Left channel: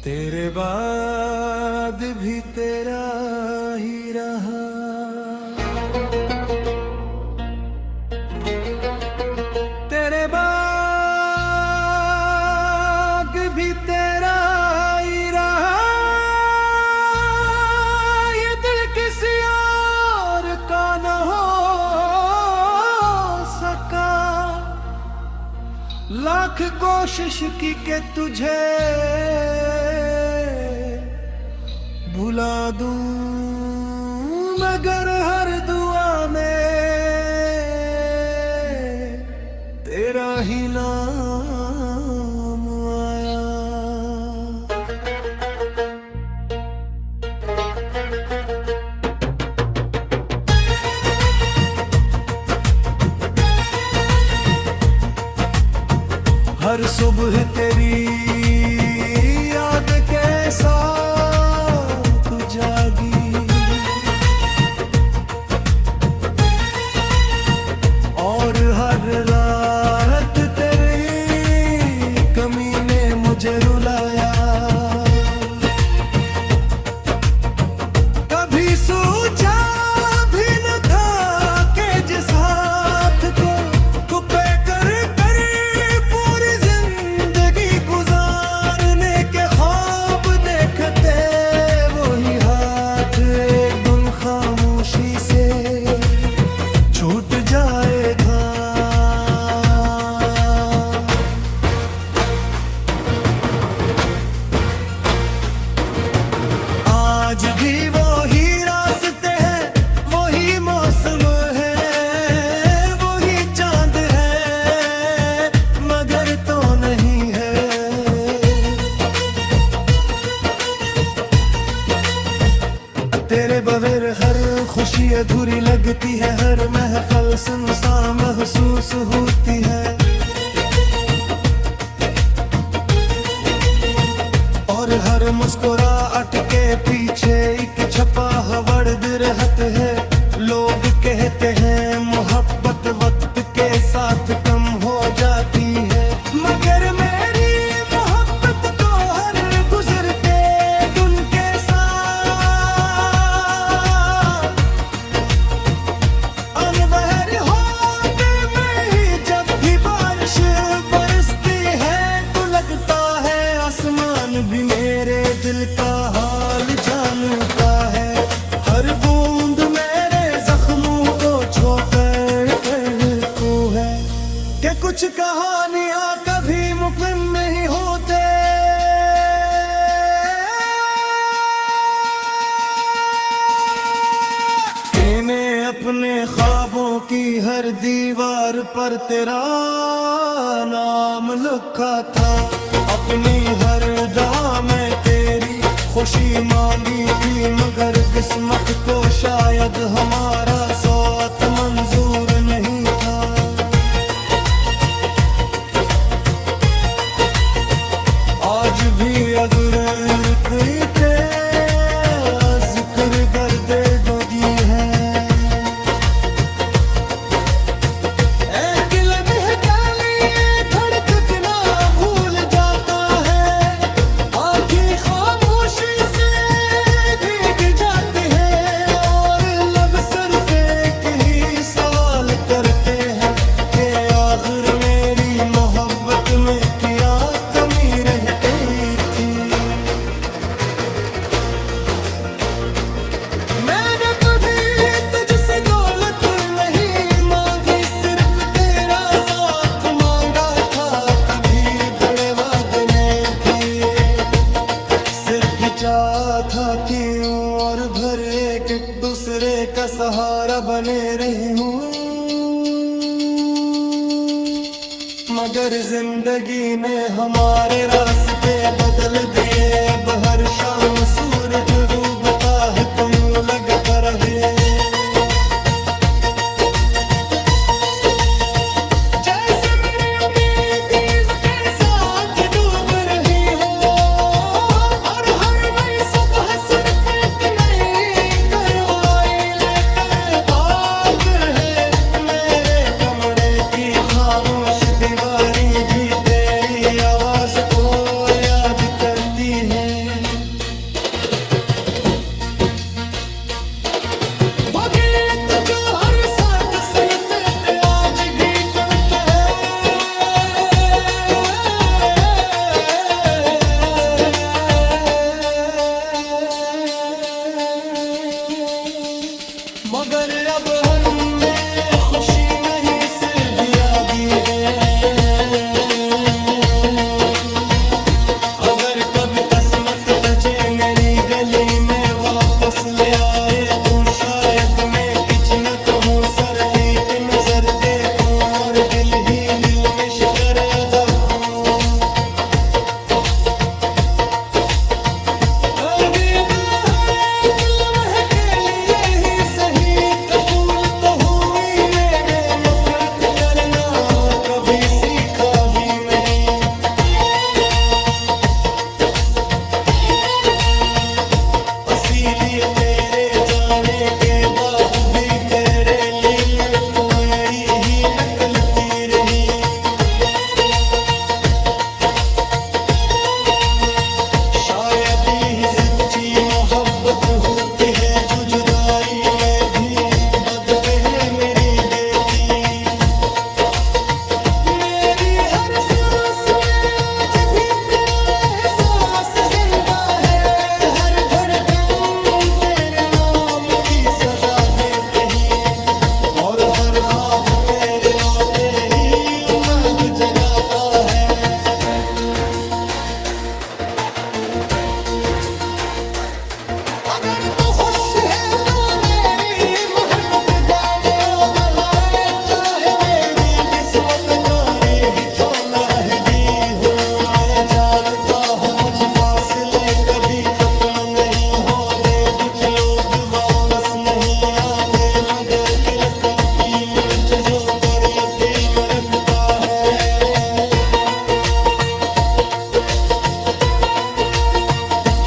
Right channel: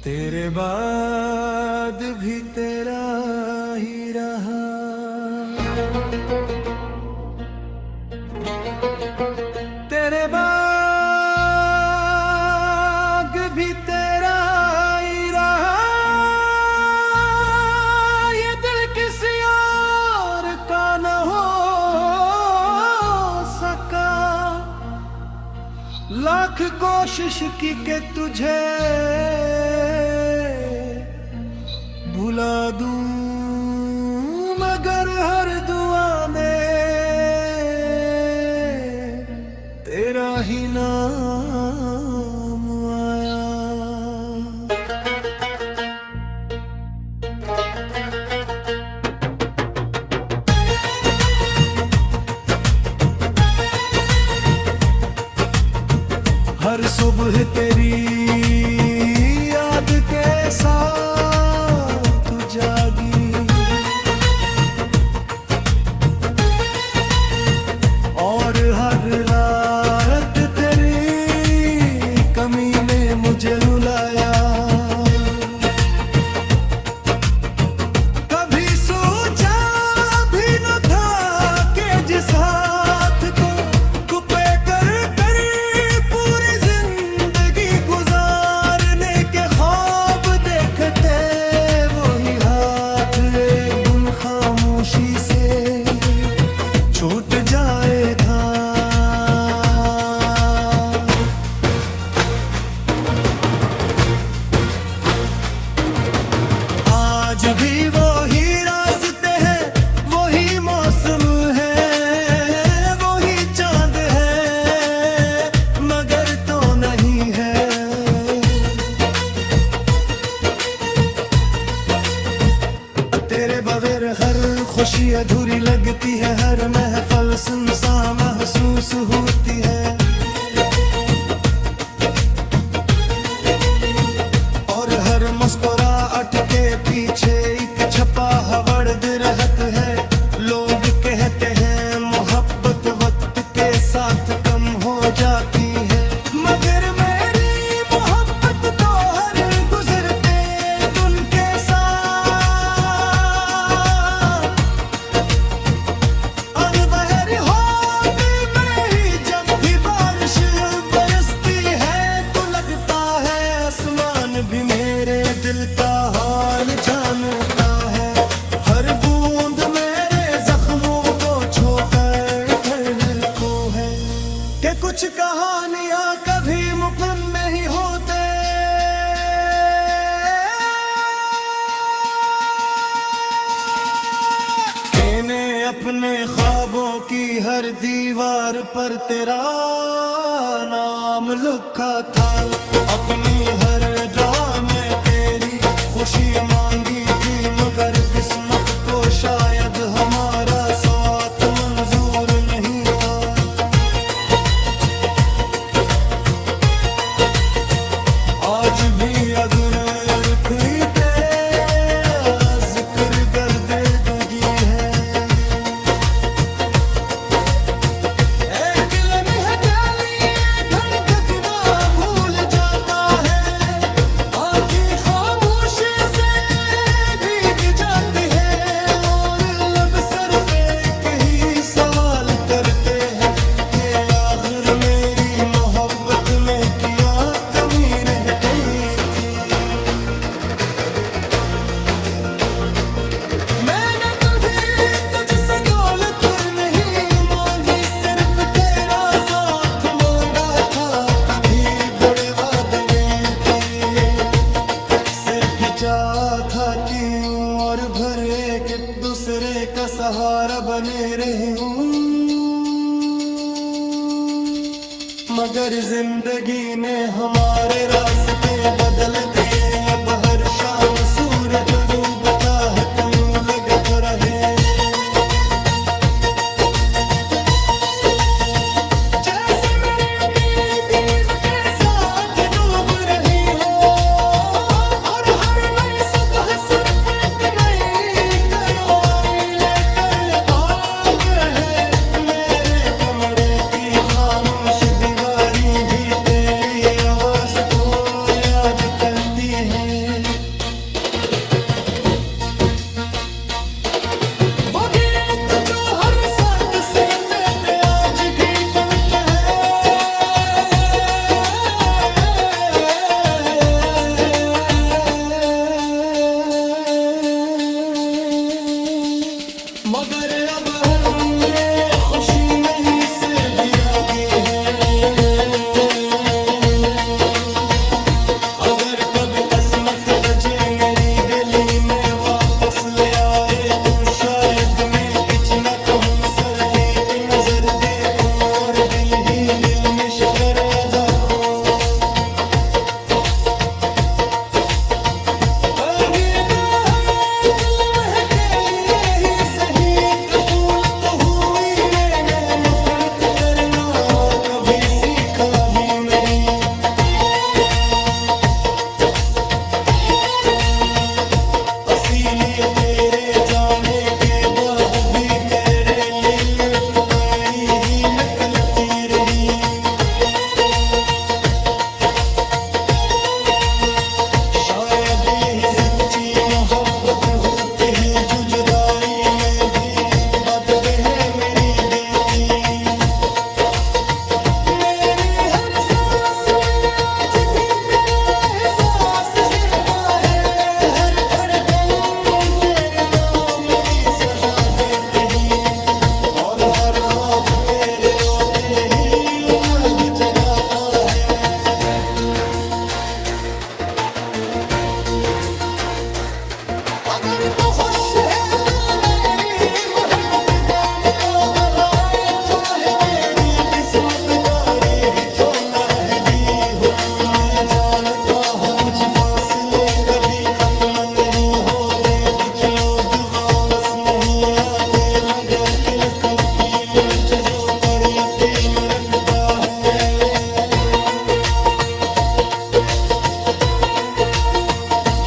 तेरे बाद भी तेरा ही रहा, तेरे बाद भी तेरा ही रहा। ये दिल किसी और का न हो सका, लाख कोशिश की के तुझे भुला दूं, मगर हर दुआ में तेरा ही नाम आया। हर सुबह तेरी याद के साथ जागी, और हर रात तेरी कमी ने मुझे रुलाया। कभी सोचा भी न था कि जिस हाथ को कुपे कर पूरी जिंदगी गुजारने के ख्वाब देखते, वही हाथ एक दिन खामोशी से छूट जाएगा। आज भी वही रास्ते हैं, वही मौसम है, वही चांद है, मगर तो नहीं है। तेरे बगैर हर खुशी अधूरी लगती है, हर महफिल सुनसान महसूस होती है, और हर मुस्कुराहट के पीछे एक छपा हवड़ रहत है। लोग कहते हैं मोहब्बत वक्त के साथ कम हो जाती है, मगर मेरी मोहब्बत तो हर गुजरते दिन के साथ अनबहर होते में ही जब भी बारिश बरसती है, तो लगता है आसमान भी मेरे दिल का हाल जानता है। हर बूंद मेरे जख्मों को छोकर को है कि कुछ कहानियां कभी मुमकिन नहीं होते। इन्हें अपने ख्वाबों की हर दीवार पर तेरा नाम लिखा था, अपनी हर दुआ में तेरी खुशी मांगी थी, मगर किस्मत को शायद हमारा साथ मंजूर नहीं था। आज भी अगर कोई तेरा जिक्र कर दे दोगी है, एक लम्हे के लिए धड़कना भूल जाता है, आँखें खामोशी से भीग जाती है, और लब सिर्फ एक ही सवाल करते हैं कि आखिर मेरी मोहब्बत में क्या कमी रह गई थी। मैंने कभी तुझसे दौलत नहीं मांगी, सिर्फ तेरा साथ मांगा था, कभी बुरे वादे नहीं थे, सिर्फ चाहा था कि और भर एक दूसरे का सहारा बने रही हूँ, मगर जिंदगी ने हमारे रास्ते बदल दिए। अब हर शाम सूरज डूबता है तो यूं लगता रहे जैसे मेरी उम्मीद इसके साथ डूब रही हो, और हर नई सुबह सिर्फ एक नई कार्रवाई लेकर आते है। मेरे कमरे की खामोश दीवारें भी तेरी आवाज राज को याद करती हैं। वो गीत जो हर साथ सुनते थे आज भी पलते हैं। मगर अब हमें खुशी नहीं सिर्फ यादी है। अगर कभी किस्मत तजे मेरी गली में वापस ले आए तू शायद मैं कुछ न कहूँ, सिर्फ एक नजर देखूं और दिल ही दिल में शुक्र अदा करूं। अलविदा है एक लम्हे के लिए ही सही, कबूल तो हुई मैंने नफरत करना कभी सीखा ही मेरी। इसीलिए तेरे जाने के बाद भी तेरे लिए तो मेरी ही निकलती रही। शायद यही सच्ची मोहब्बत होती है जो जुदाई में भी बदबे मेरी बेटी। मेरी हर सांस में आज भी तेरा एहसास जिंदा है। हर धड़कन तेरे नाम की सदा देते ही और हर ख्वाब तेरे रोते ही उम्मीद जगाता है। अगर तू खुश है तो मेरी मोहब्बत गाने अब है, चाहे मेरी किस्मत डोरी ही क्यों न रहेगी हो। मैं जानता हूँ कुछ फासले कभी खत्म नहीं होते, कुछ लोग वापस नहीं आते, मगर दिल की मुझों पर यकीन रखता है।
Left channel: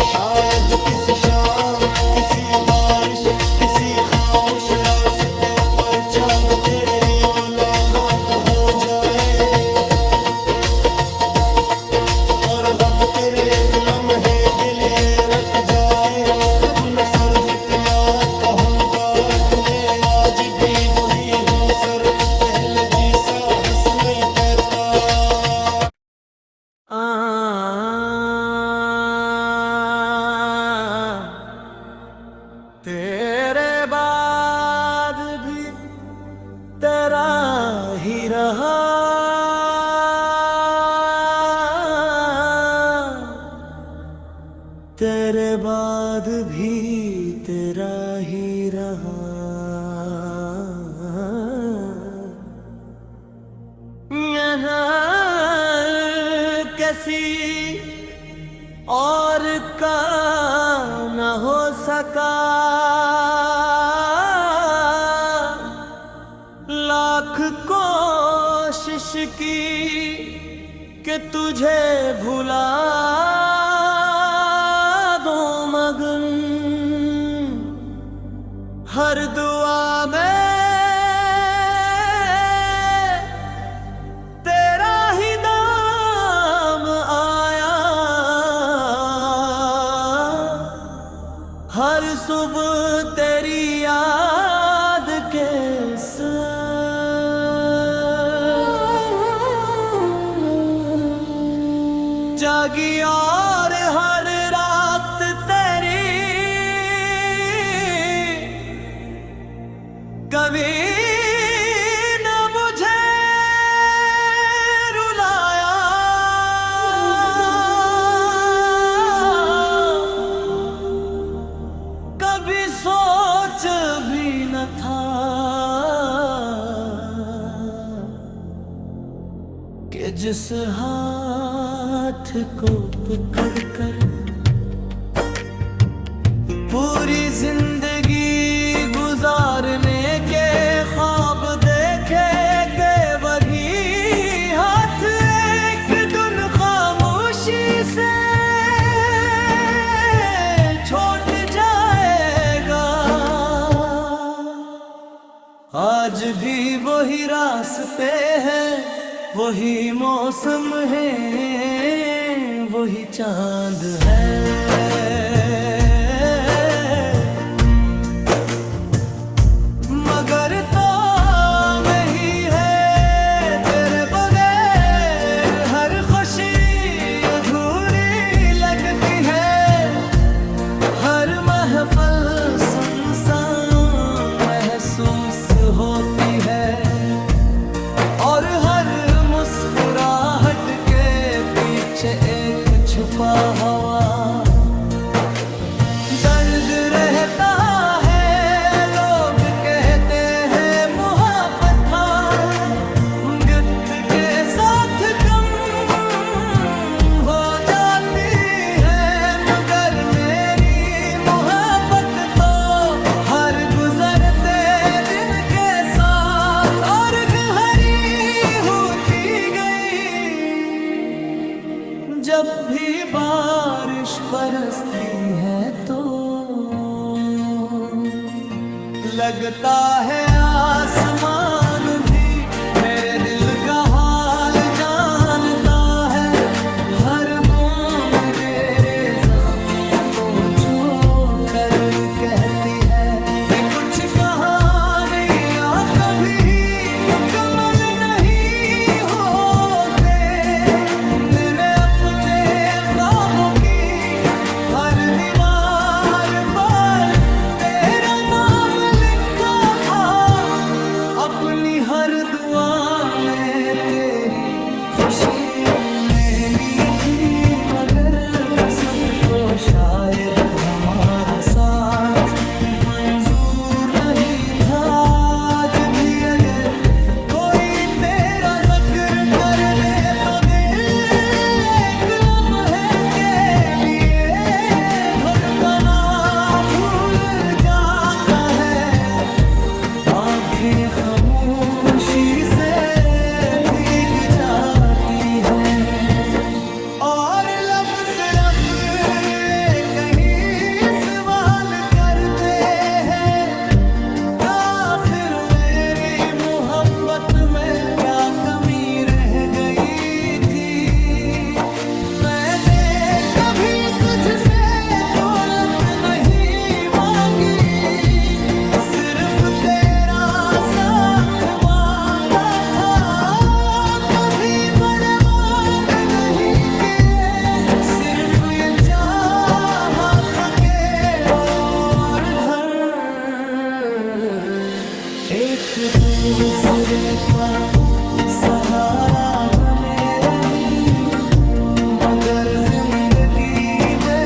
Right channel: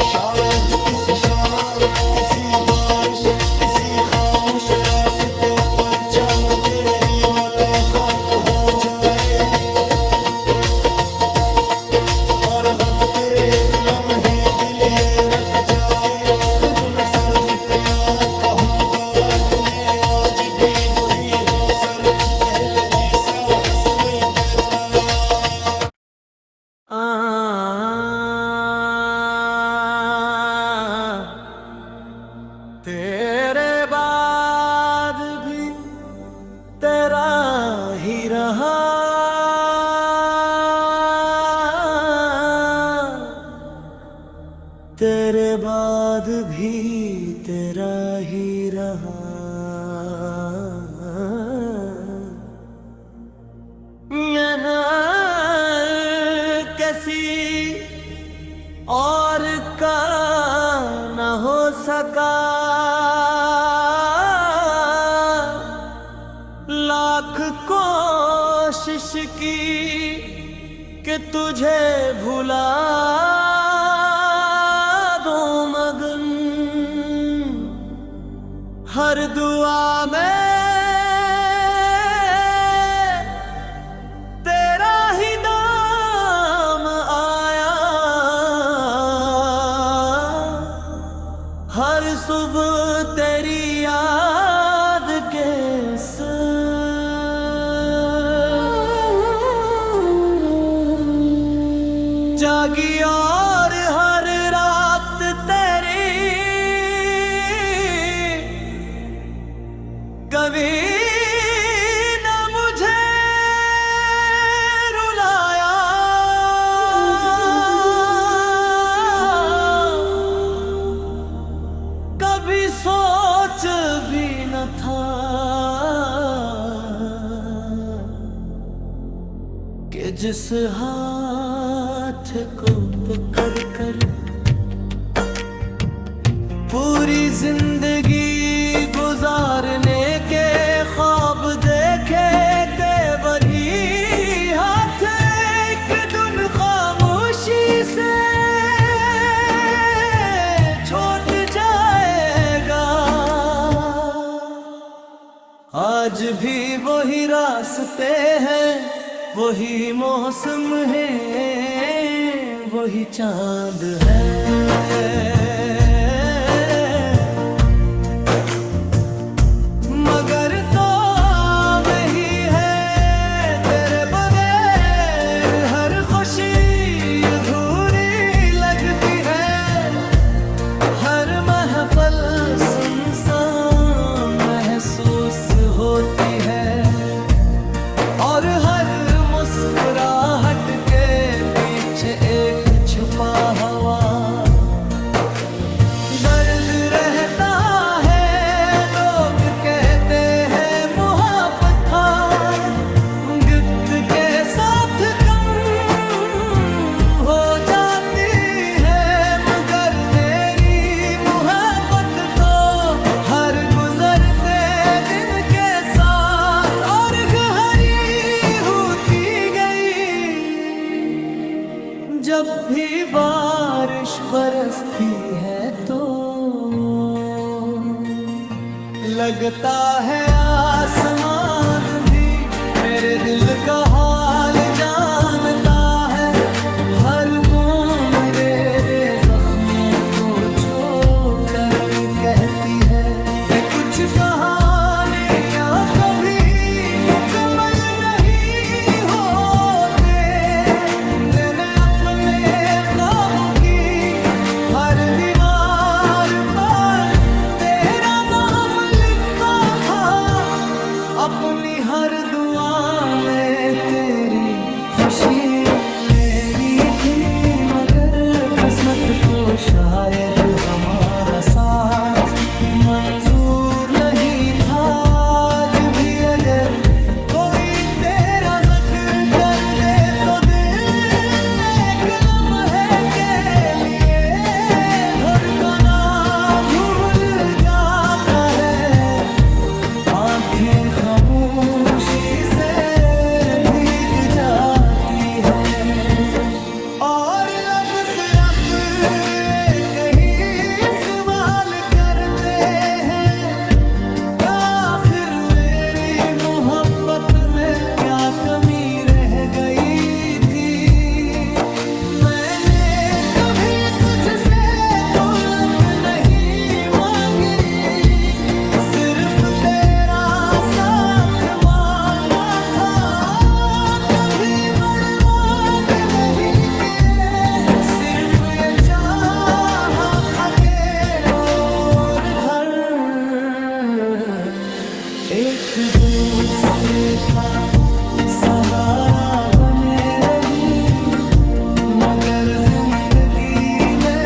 शायद किसी शाम किसी बारिश किसी खामोश रास्ते पर चांद तेरी मुलाकात हो जाए और गब तेरे एक लम्हे के लिए रख जाए हो। तब मैं सिर्फ इतना कहूँगा मैं आज भी वही हूँ, सिर्फ पहले जैसा हंस नहीं कहता। तेरे बाद भी तेरा ही रहा, तेरे बाद भी तेरा ही रहा। किसी और का न हो सका, लाख कोशिश की कि तुझे भुला दूं, मगन हर दुआ में हर सुबह तेरी याद के जागी और हर रात तेरी कभी न मुझे रुलाया। कभी सोच भी न था कि जिस हाथ को पकड़ कर पूरी जिंदगी गुजारने के ख्वाब देखे के वही हाथ एक दिन खामोशी से छोड़ जाएगा। आज भी वही रास्ते हैं वही मौसम है, वही चांद है। मगर तो में ही है तेरे बगैर हर खुशी अधूरी लगती है। हर महफल सुनसान महसूस होती है और हर मुस्कुराहट के पीछे एक छुपा हुआ दर्द रहता है। लोग कहते हैं मोहब्बत गिफ्ट के साथ कम हो जाती है, मगर मेरी मोहब्बत तो हर गुजरते दिन के साथ और गहरी होती गई। जब भी बारिश बरसती है तो लगता है आसमान भी मेरे दिल का हाल जानता है। हर बूंद रे जख्मों को छू कर कहती है कि कुछ कहानियां कभी मुकम्मल नहीं होते। मैंने अपने ख्वाबों की हर दीवार पर तेरा नाम लिखा था, अपनी हर दुआ में तेरी खुशी महंगी थी। मगर किस्मत को शायद हमारा साथ मंजूर नहीं था। आज भी अगर कोई तेरा जिक्र कर दे तो दिल एक लम्हे के लिए धड़कना भूल जाता है। आंखें खामोशी से भीग जाती हैं और लब सिर्फ एक ही सवाल करते हैं, आखिर मेरी मोहब्बत में क्या कमी रह गई थी। मैंने कभी तुझसे दौलत नहीं मांगी, सिर्फ तेरा साथ मांगा था। कभी बर्बाद नहीं किए, सिर्फ ये चाहा था कि और घर एक दूसरे का सहारा बने रही। मगर जिंदगी ने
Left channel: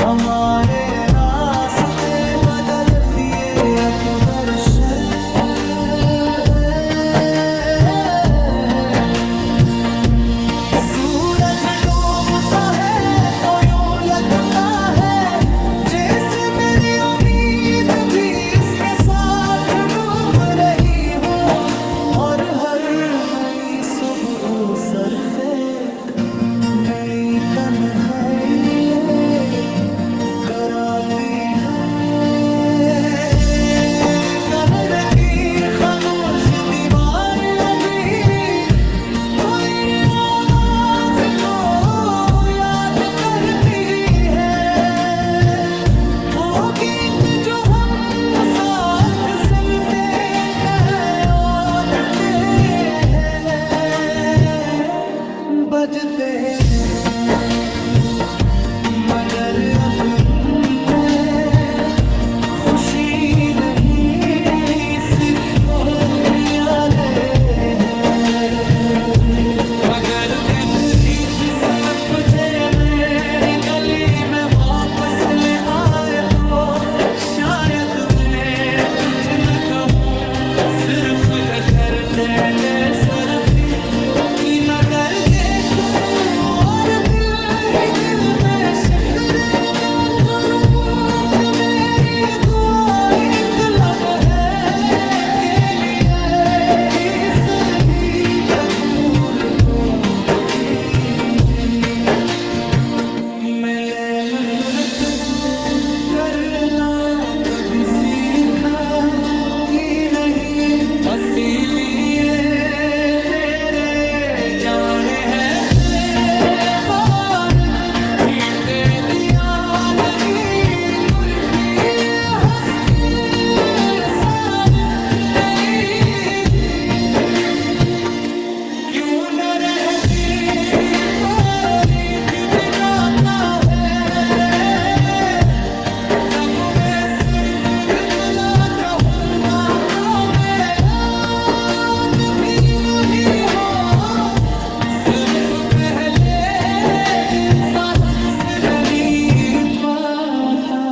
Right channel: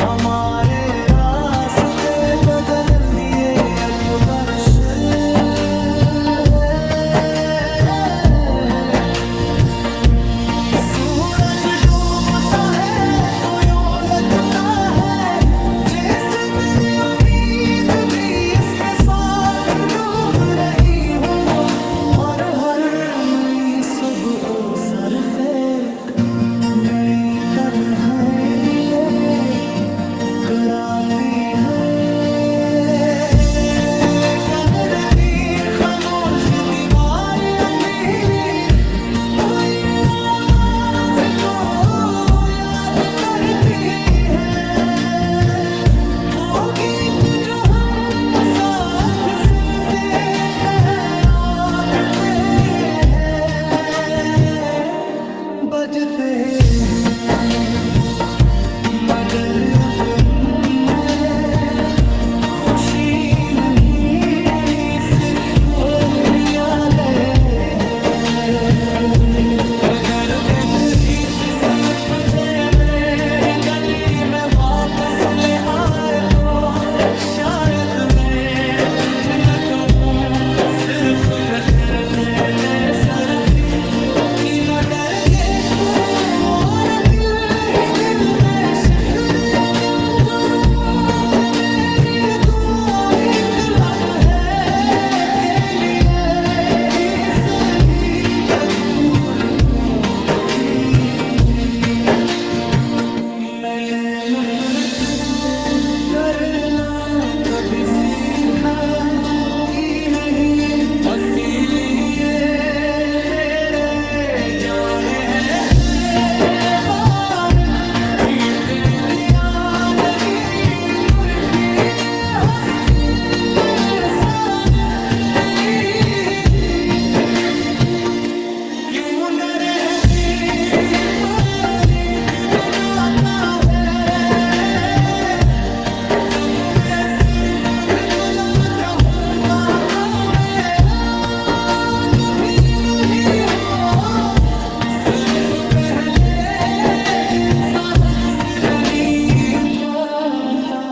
हमारे रास्ते बदल दिए अकबर शर। सूरज डूबता है तो यूं लगता है जैसे मेरी उम्मीद भी इसके साथ डूब रही हो। और हर नई सुबह सर फेंक नई तन्हाई ले कराती है। कमर की खामोश दीवार अभी तेरी आवाज को याद करती है। वो गीत जो हम साथ सुनते तैयारते हैं, बजते हैं, मगर अब मैं खुशी नहीं सिर्फ यादें हैं। मगर कहती सुन तुझे मेरी गली में वापस ले आए तो शायद मैं कुछ न कहूँ, सिर्फ कर दे सर भी। मगर देखूं और दिल ही दिल में शुक्र अदा करूं कि मेरी दुआ एक लम्हे के लिए ही सही कबूल तो हुई। मैंने नफरत करना कभी सीखा की नहीं, इसीलिए तेरे जाने है कि बारिक भी ते दिया नहीं कुर्ती हंसके सारक नहीं। क्यों न रहती तारीख दिखाता है, तब मैं सिर्फ इतना कहूँगा का मैं आज भी वही हो, सिर्फ पहले जैसा हमसे नहीं पाता।